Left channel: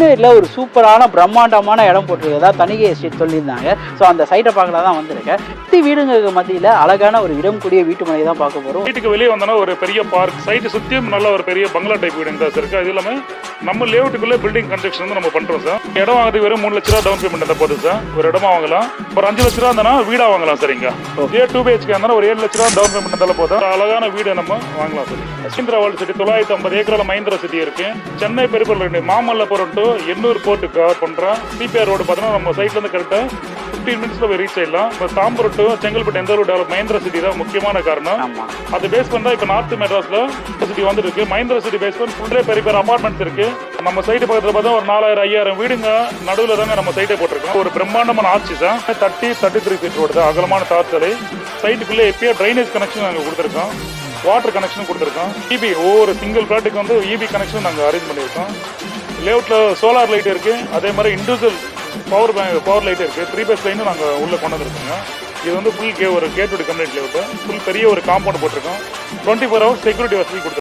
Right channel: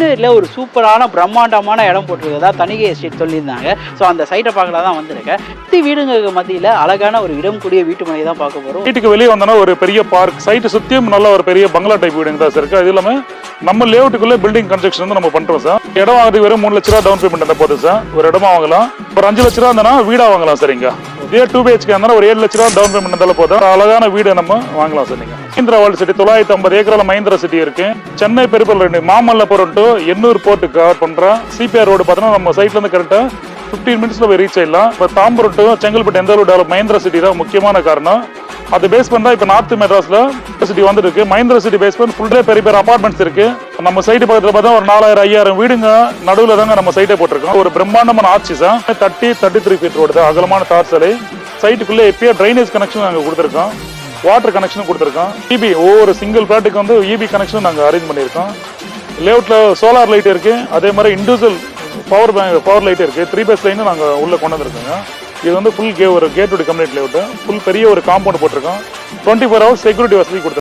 எருமேலியில் ஒரு சூப்பரான பிரம்மாண்டமான இடம் போட்டிருக்கதா தணிகை எஸ்டேட் சொல்லியிருந்தாங்க. ஸோ அந்த சைட்டை பார்க்கலாம் தான் வந்திருக்கேன். சுற்றி வீடுங்களுக்கு மத்தியில் அழகான ஒரு இடம் கூடிய வீட்டு மனை தான் பார்க்க போகிறோம். வீட்டுக்கு வெளியே வந்தோன்னா ஒரு பெரிய பார்க், சைட்டு சுற்றியும் நல்ல ஒரு பெரிய பங்களா டைப் வீடுங்க தான் இருக்குது. அது இல்லாமல் நம்ம லேஅவுட்டுக்குள்ளே பில்டிங் கன்ஸ்ட்ரக்ஷன் வந்து நம்ம பண்ணுறோம் சார். இடம் வாங்குறது வெறும் 3 லட்ச ரூபா டவுன் பேமெண்ட் தான் போட்டு சார். ஒரு இடமா வாங்கலாம். ஒரு 5 லட்ச ரூபா இருந்தாலும் வீடாக வாங்கலாம் சரிங்க. இதே 2 BHK இருந்தாலும் ஒரு 7 லட்ச ரூபா டவுன் பேமெண்ட் இருந்தாலும் போதும். அழகான வீடு நம்ம வாங்கலாம் சரிங்க. மஹிந்திரா வேர்ல்ட் சிட்டி 950 ஏக்கரில் மஹிந்திரா சிட்டி இருக்கு. சென்னை பெருப்பல் 2 Mamallapuram to Ennore port cover பண்றோம். CPR ரோடு பார்த்தோன்னா நம்ம சைட்ல இருந்து கரெக்டா 15 மினிட்ஸ்ல போய் ரீச் ஆயிடலாம். இப்போ தாம்பரம் டு செங்கல்பட்டு எந்த அளவு டெவலப் மஹிந்திரா சிட்டி தான் முக்கியமான காரணம். அது பேஸ் பண்ணா இப்போ நார்த் மெட்ராஸ்ல சிட்டி வந்துருக்கு. மஹிந்திரா சிட்டி பேஸ் பண்ணி ஃபுல் டே பெரிய பெரிய அபார்ட்மெண்ட்ஸ் இருக்கு. நம்ம சைட்டு பக்கத்தில் பார்த்தா ஒரு 4000-5000 வீடுங்க நடுவில் தாங்க நம்ம சைட்டை போட்டிருக்கோம். ஒரு பிரம்மாண்டமான ஆட்சி சார். 33 ஃபீட் ரோடு தான், அகலமான தார் சாலை. சைட்டுக்குள்ளே எப்பயோ ட்ரைனேஜ் கனெக்ஷன் நாங்கள் கொடுத்துருக்கோம். வாட்டர் கனெக்ஷனும் கொடுத்துருக்கோம். EB ஒவ்வொரு சிங்கிள் ஃபிளாட்டுக்கு வந்து EB கனெக்ஷன் நாங்கள் அரேஞ்ச் பண்ணியிருக்கோம். லேஅவுட்டில் சோலார் லைட் இருக்குது. அதே மாதிரி இண்டிவிஜுவல் பவர் லைட் இருக்குது. 3 பேஸ் லைனும் நாங்கள் உள்ளே கொண்டு வந்துருக்கோங்க. இது வந்து ஃபுல் ஒரு கேட் கம்ப்ளீட் லேஅவுட்டு. ஃபுல் பெரிய ஒரு காம்பவுண்ட் போட்டிருக்கோம். 24 ஹவர்ஸ் செக்யூரிட்டி வசதி கொடுத்துருக்கோம்.